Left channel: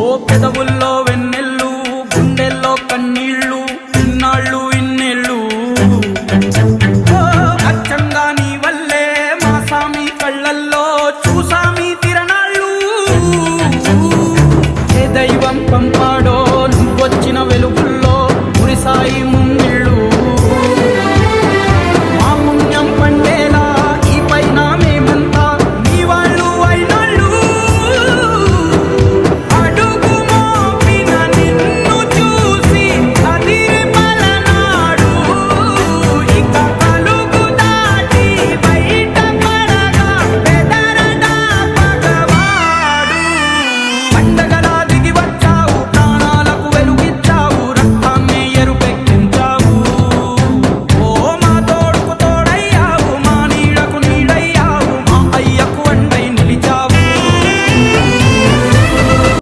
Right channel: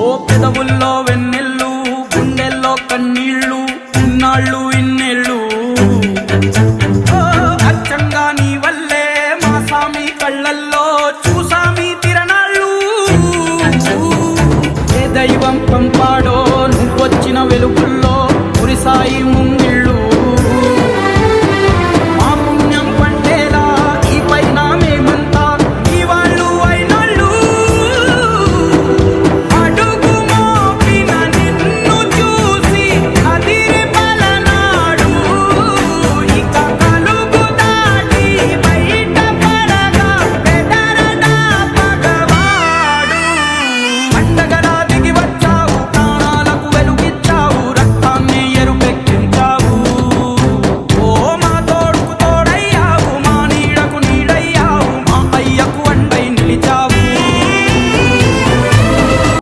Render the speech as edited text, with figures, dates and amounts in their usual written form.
ఓ పెదవుల్లో వెన్నెల్లు గుండెల్లో కన్నీళ్ళు ఇన్నాళ్ళు ఇన్నేళ్ళు అచ్చంగా నీ వల్లే మా సామి కళ్ళల్లో చూసామి తిరణాళ్ళు ఏ దైవం పంపాడో నువ్వొచ్చిన వెలుగుల్లో మురిసాయి ముంగే